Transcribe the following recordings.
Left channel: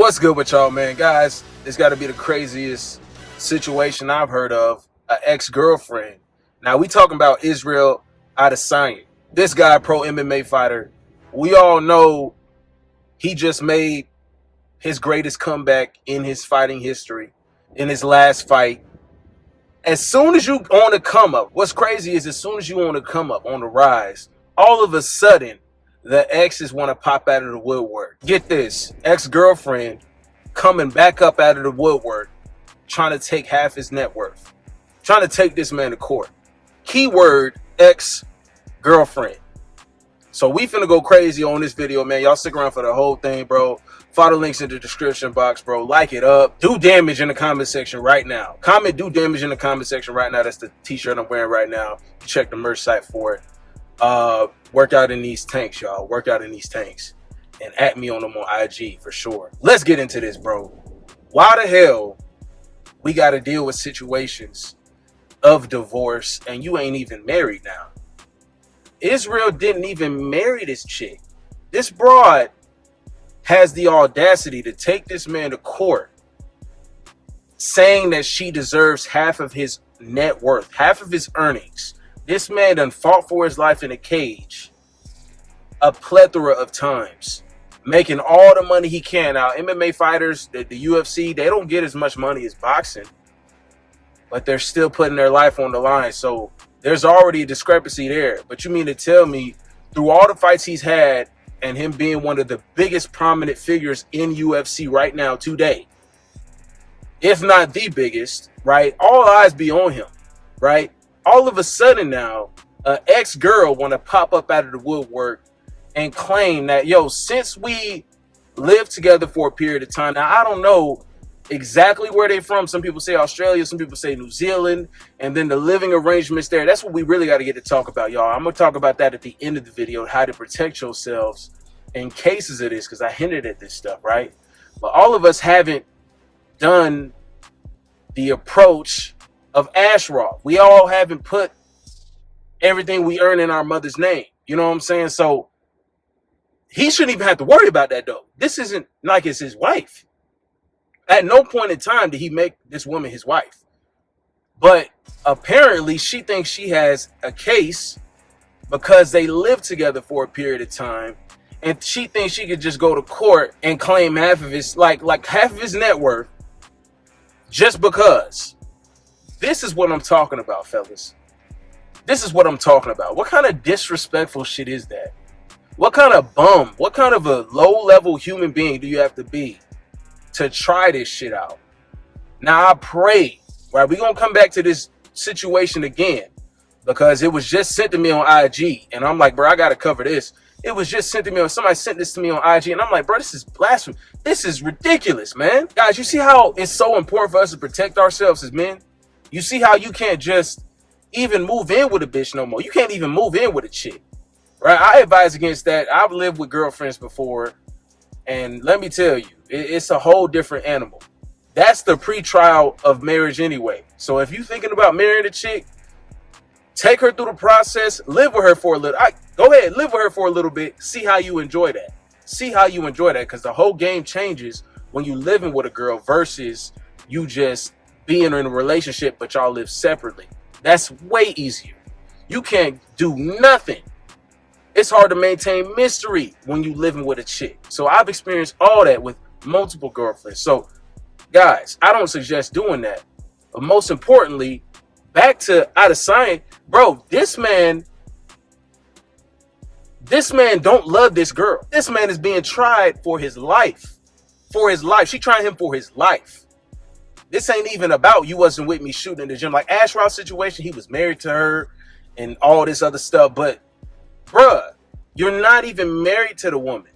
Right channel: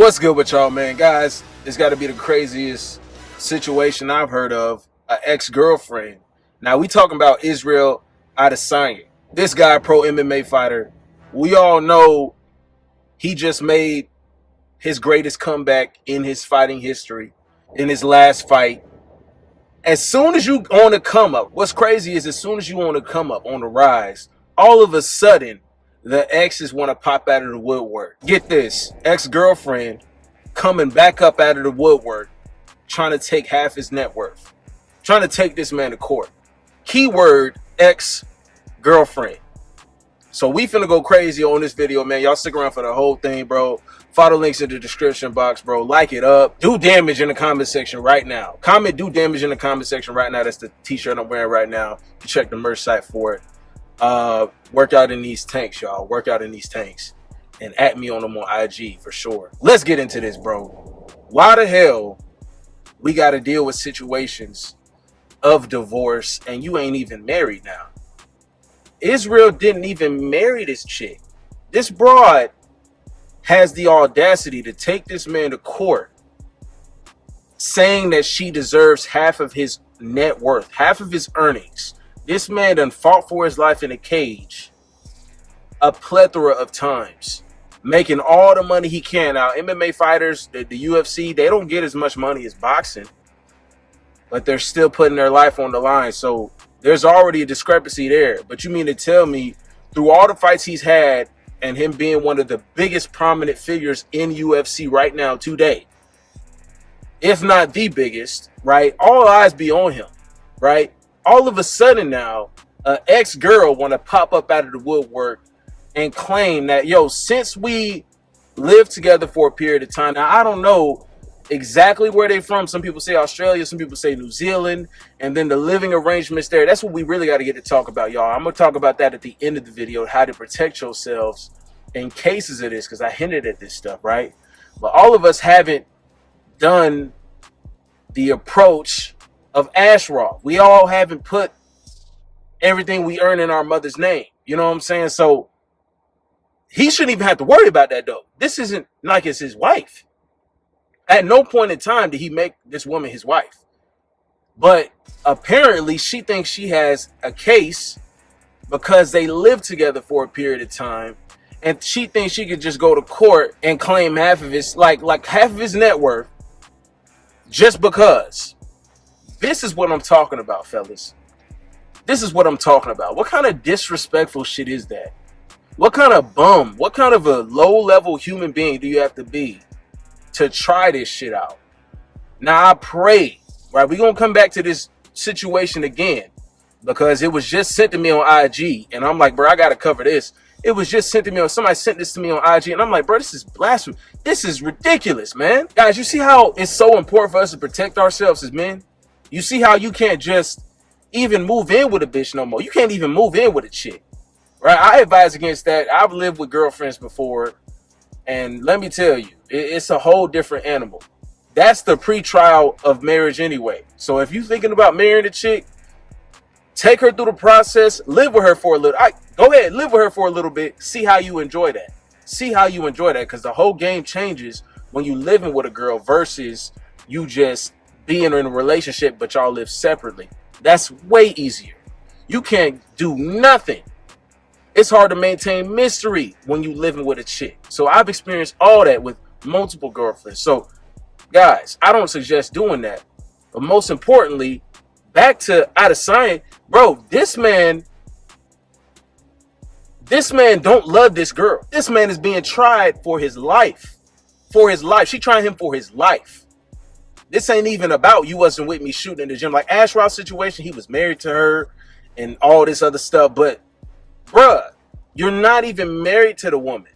What's good with y'all, man? Guys, it's got to be the craziest situation I've heard of. An ex-girlfriend. Now, we talking about Israel Adesanya. This guy, pro MMA fighter. We all know he just made his greatest comeback in his fighting history in his last fight. As soon as you on the come up, what's crazy is as soon as you on the come up, on the rise, all of a sudden, the exes want to pop out of the woodwork. Get this, ex-girlfriend coming back up out of the woodwork, trying to take half his net worth, trying to take this man to court. Keyword, ex-girlfriend. So we finna go crazy on this video, man. Y'all stick around for the whole thing, bro. Follow links in the description box, bro. Like it up. Do damage in the comment section right now. Comment, do damage in the comment section right now. That's the t-shirt I'm wearing right now. Check the merch site for it. Work out in these tanks, y'all. Work out in these tanks. And at me on them on IG for sure. Let's get into this, bro. Why the hell we got to deal with situations of divorce and you ain't even married now? Israel didn't even marry this chick. This broad has the audacity to take this man to court saying that she deserves half of his net worth, half of his earnings. This man done fought for his life in a cage a plethora of times, making all the money he can. Now, MMA fighters, the UFC, they don't get as much money as boxing, but they're still putting their life on the line. So there's already a discrepancy there. But you mean to tell me through all the fights he's had and him being one of the biggest prominent figures in UFC right now today, if not the biggest, right? All eyes be on him, right? All of a sudden now, an ex-girl want to pop up out of the woodwork and claim that, yo, since we lived together for a period of time, now I don't know exactly where they're from. Some people say Australia, some people say New Zealand, and then the living arrangements there. That's what we really got to get to talk about, y'all. I'm going to talk about that at the end of the video, how to protect yourselves in cases of this, because I hinted at this stuff, right? But all of us haven't done the approach of achraf. We all haven't put everything we earn in our mother's name. You know what I'm saying? So he shouldn't even have to worry about that, though. This isn't like it's his wife. At no point in time did he make this woman his wife. But apparently she thinks she has a case because they lived together for a period of time. And she thinks she could just go to court and claim half of his, like half of his net worth just because. This is what I'm talking about, fellas. This is what I'm talking about. What kind of disrespectful shit is that? What kind of bum, what kind of a low-level human being do you have to be to try this shit out? Now, I pray, right? We're going to come back to this situation again because it was just sent to me on IG. And I'm like, bro, I got to cover this. It was just sent to me on, somebody sent this to me on IG. And I'm like, bro, this is blasphemy. This is ridiculous, man. Guys, you see how it's so important for us to protect ourselves as men? You see how you can't just even move in with a bitch no more. You can't even move in with a chick, right? I advise against that. I've lived with girlfriends before, and let me tell you, it's a whole different animal. That's the pre-trial of marriage anyway. So if you're thinking about marrying a chick, take her through the process, live with her for a little. Go ahead, live with her for a little bit. See how you enjoy that. See how you enjoy that, because the whole game changes when you living with a girl versus you just being in a relationship, but y'all live separately. That's way easier. You can't do nothing. It's hard to maintain mystery when you living with a chick. So I've experienced all that with multiple girlfriends. So guys, I don't suggest doing that. But most importantly, back to Adesanya, bro, this man don't love this girl. This man is being tried for his life. For his life. She trying him for his life. This ain't even about you wasn't with me shooting in the gym. Like Ashraf's situation, he was married to her and all this other stuff. But, bruh, you're not even married to the woman.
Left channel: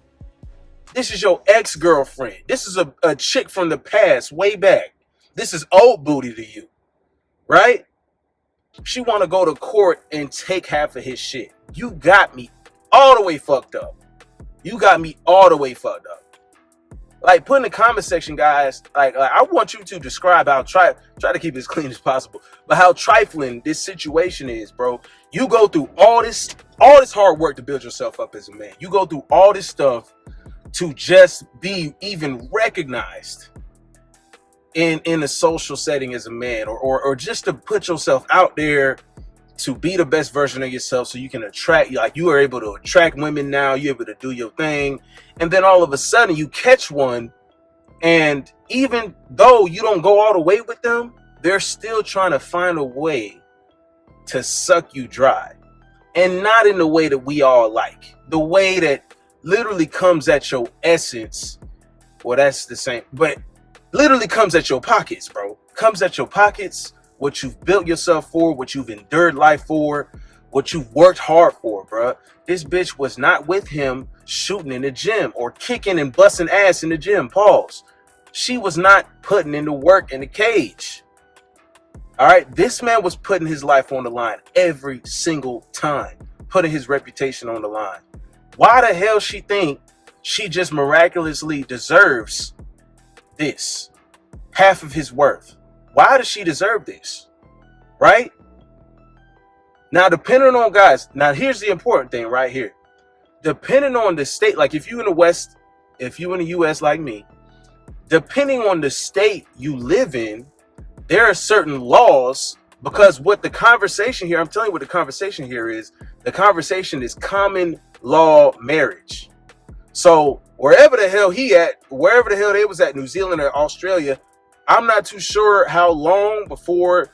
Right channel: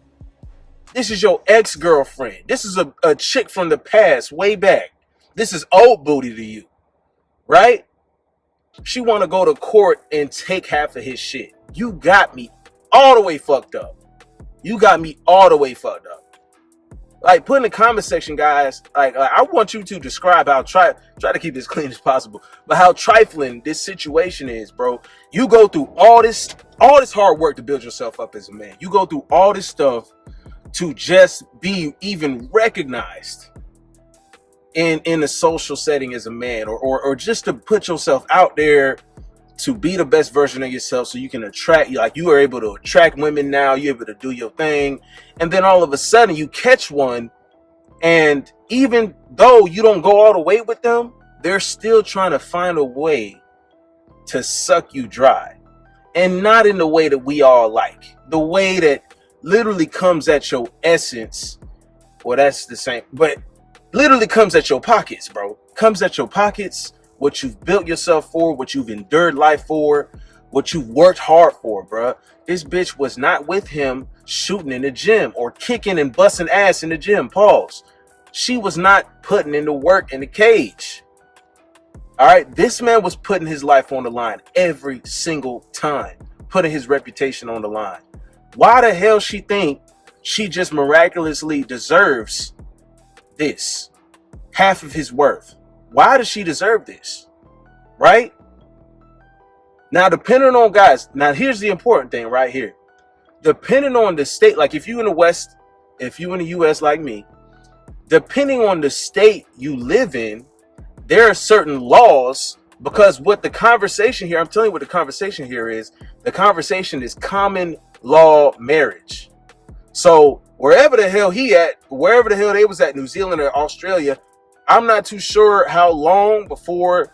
This is your ex-girlfriend. This is a chick from the past, way back. This is old booty to you, right? She want to go to court and take half of his shit. You got me all the way fucked up. You got me all the way fucked up. Like, put in the comment section, guys, like I want you to describe how try to keep it as clean as possible, but how trifling this situation is, bro. You go through all this hard work to build yourself up as a man. You go through all this stuff to just be even recognized in a social setting as a man, or just to put yourself out there to be the best version of yourself so you can attract, like you are able to attract women now, you're able to do your thing, and then all of a sudden you catch one, and even though you don't go all the way with them, they're still trying to find a way to suck you dry, and not in the way that we all like, the way that literally comes at your essence. Well, that's the same, but literally comes at your pockets, bro. Comes at your pockets, what you've built yourself for, what you've endured life for, what you've worked hard for, bro. This bitch was not with him shooting in the gym or kicking and busting ass in the gym. Pause. She was not putting in the work in the cage. All right. This man was putting his life on the line every single time, putting his reputation on the line. Why the hell she think she just miraculously deserves this? Half of his worth. Why does she deserve this? Right? Now, depending on, guys, now here's the important thing right here. Depending on the state, like if you in the West, if you in the US like me, depending on the state you live in, there are certain laws, because what the conversation here, I'm telling you what the conversation here is. The conversation is common law marriage. So wherever the hell he at, wherever the hell they was at, New Zealand or Australia, I'm not too sure how long before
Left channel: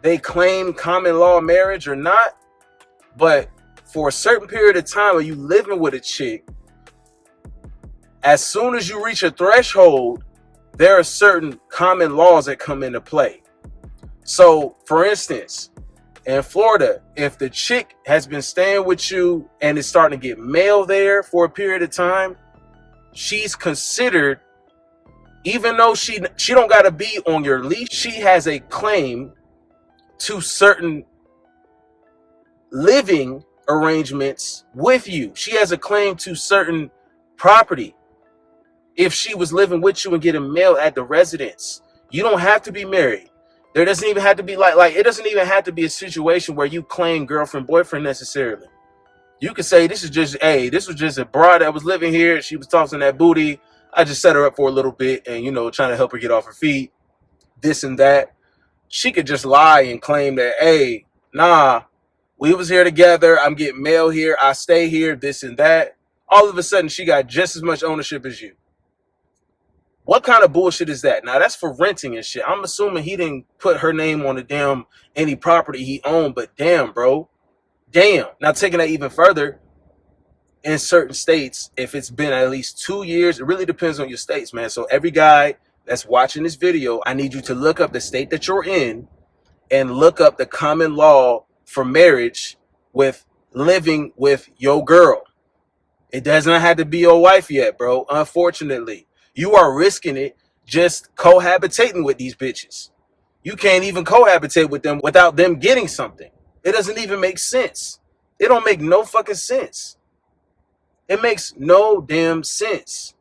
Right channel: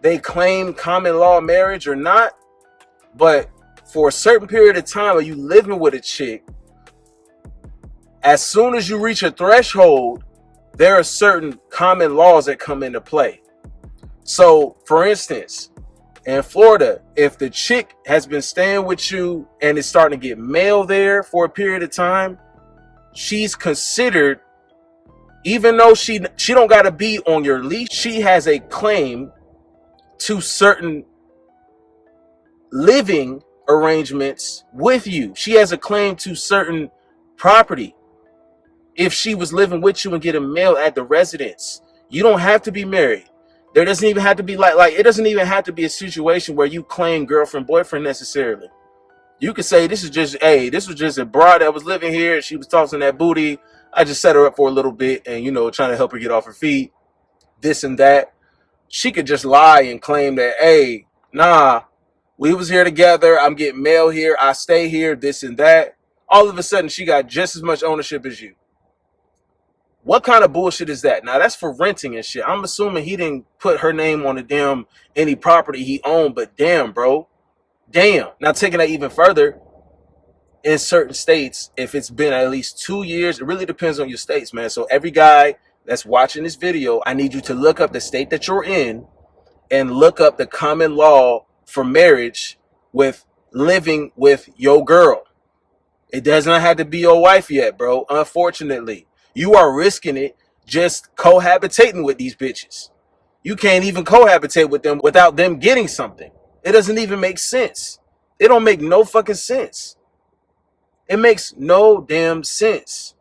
they claim common law marriage or not, but for a certain period of time, are you living with a chick? As soon as you reach a threshold, there are certain common laws that come into play. So, for instance, in Florida, if the chick has been staying with you and is starting to get mail there for a period of time, she's considered, even though she don't got to be on your leash, she has a claim to certain living arrangements with you. She has a claim to certain property. If she was living with you and getting mail at the residence, you don't have to be married. There doesn't even have to be like it doesn't even have to be a situation where you claim girlfriend, boyfriend necessarily. You could say this was just a broad that was living here. She was tossing that booty. I just set her up for a little bit and, trying to help her get off her feet, this and that. She could just lie and claim that, hey, nah, we was here together. I'm getting mail here. I stay here, this and that. All of a sudden, she got just as much ownership as you. What kind of bullshit is that? Now, that's for renting and shit. I'm assuming he didn't put her name on the damn any property he owned, but damn, bro. Damn. Now, taking that even further, in certain states, if it's been at least 2 years, it really depends on your states, man. So every guy that's watching this video, I need you to look up the state that you're in and look up the common law for marriage with living with your girl. It does not have to be your wife yet, bro. Unfortunately, you are risking it just cohabitating with these bitches. You can't even cohabitate with them without them getting something. It doesn't even make sense. It don't make no fucking sense. It makes no damn sense.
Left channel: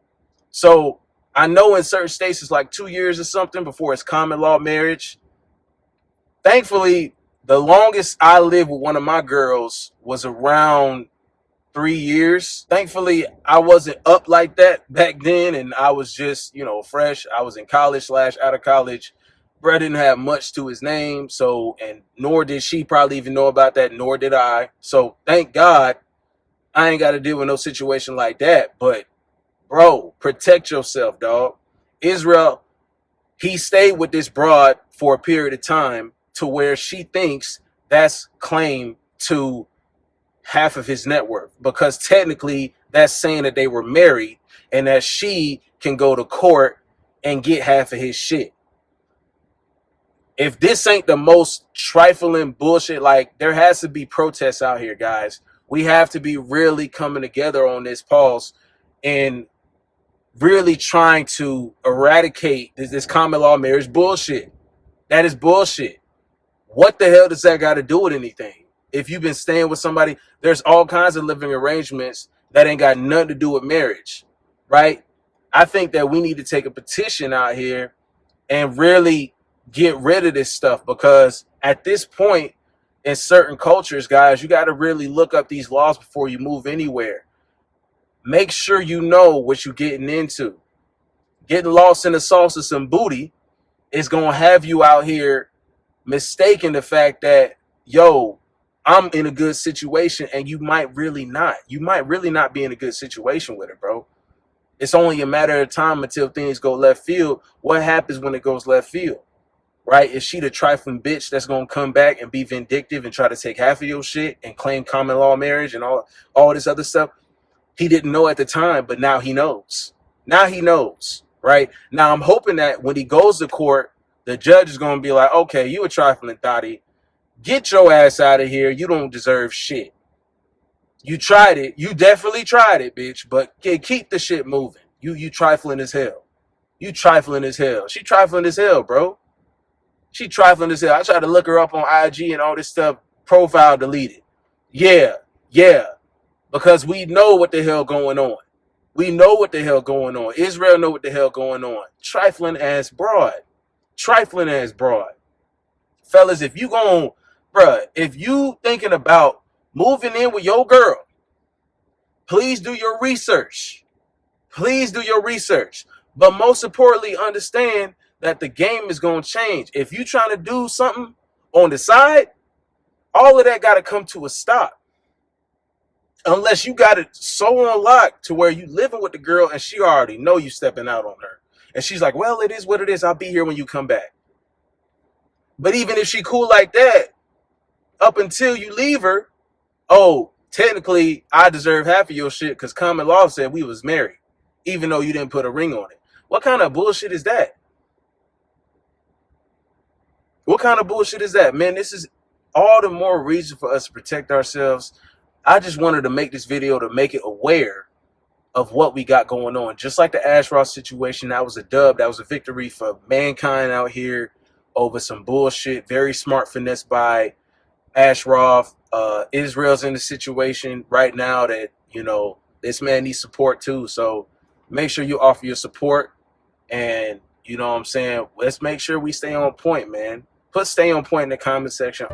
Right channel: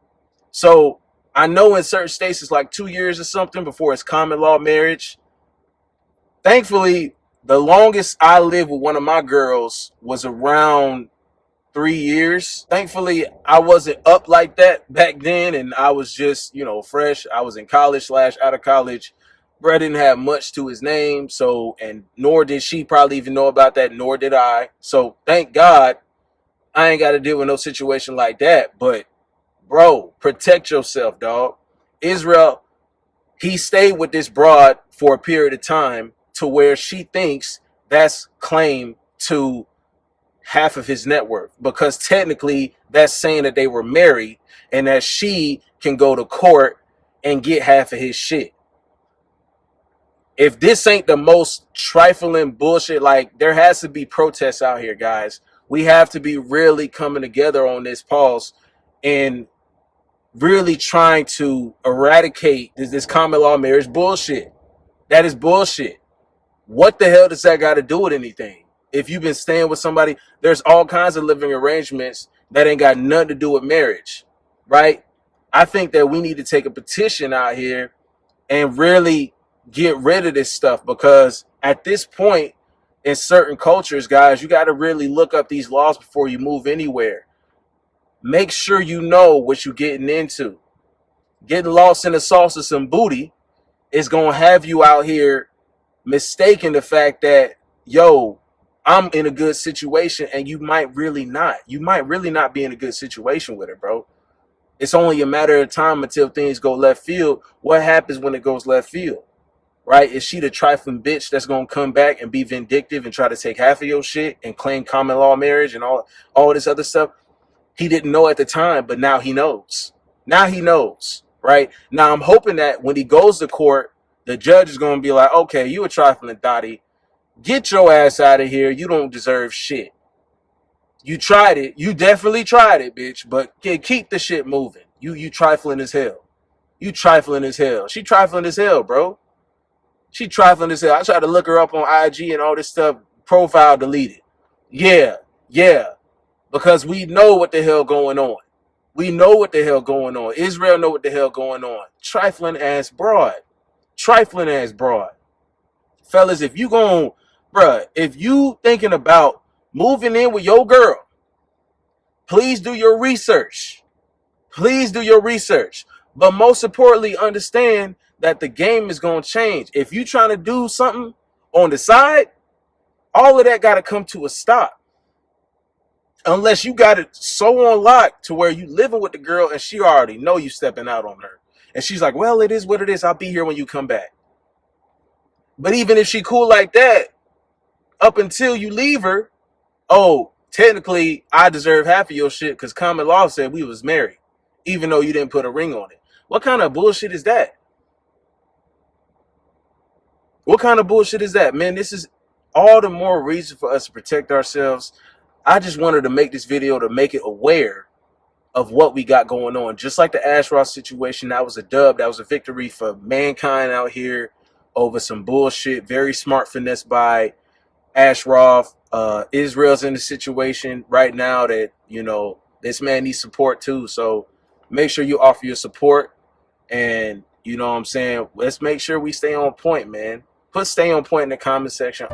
So I know in certain states it's like 2 years or something before it's common law marriage. Thankfully, the longest I lived with one of my girls was around 3 years. Thankfully, I wasn't up like that back then, and I was just, fresh. I was in college / out of college. Bro didn't have much to his name, so, and nor did she probably even know about that, nor did I. So thank God I ain't got to deal with no situation like that. But bro, protect yourself, dog. Israel, he stayed with this broad for a period of time to where she thinks that's claim to half of his net worth, because technically that's saying that they were married and that she can go to court and get half of his shit. If this ain't the most trifling bullshit, like, there has to be protests out here, guys. We have to be really coming together on this pause and really trying to eradicate this common law marriage bullshit. That is bullshit. What the hell does that got to do with anything? If you've been staying with somebody, there's all kinds of living arrangements that ain't got nothing to do with marriage, right? I think that we need to take a petition out here and really get rid of this stuff, because at this point in certain cultures, guys, you got to really look up these laws before you move anywhere. make sure you know what you're getting into. Getting lost in the sauce of some booty is going to have you out here mistaking the fact that, yo, I'm in a good situation, and you might really not. You might really not be in a good situation with her, bro. It's only a matter of time until things go left field. What happens when it goes left field, right? Is she the trifling bitch that's going to come back and be vindictive and try to take half of your shit and claim common law marriage and all this other stuff? He didn't know at the time, but now he knows. Now he knows, right? Now I'm hoping that when he goes to court, the judge is going to be like, okay, you a trifling thotty. Get your ass out of here. You don't deserve shit. You tried it. You definitely tried it, bitch. But keep the shit moving. You trifling as hell. You trifling as hell. She trifling as hell, bro. She trifling as hell. I tried to look her up on IG and all this stuff. Profile deleted. Yeah. Because we know what the hell going on. We know what the hell going on. Israel know what the hell going on. Trifling ass broad. Trifling ass broad. Fellas, if you if you thinking about moving in with your girl, please do your research. Please do your research. But most importantly, understand that the game is going to change. If you trying to do something on the side, all of that got to come to a stop. Unless you got it so on lock to where you living with the girl and she already know you stepping out on her. And she's like, well, it is what it is. I'll be here when you come back. But even if she cool like that, up until you leave her, oh, technically, I deserve half of your shit because common law said we was married, even though you didn't put a ring on it. What kind of bullshit is that? What kind of bullshit is that? Man, this is all the more reason for us to protect ourselves. I just wanted to make this video to make it aware of what we got going on. Just like the Ashraf situation, that was a dub. That was a victory for mankind out here over some bullshit. Very smart finesse by Ashraf. Israel's in a situation right now that, you know, this man needs support too. So make sure you offer your support. And, you know what I'm saying? Let's make sure we stay on point, man. Put stay on point in the comment section.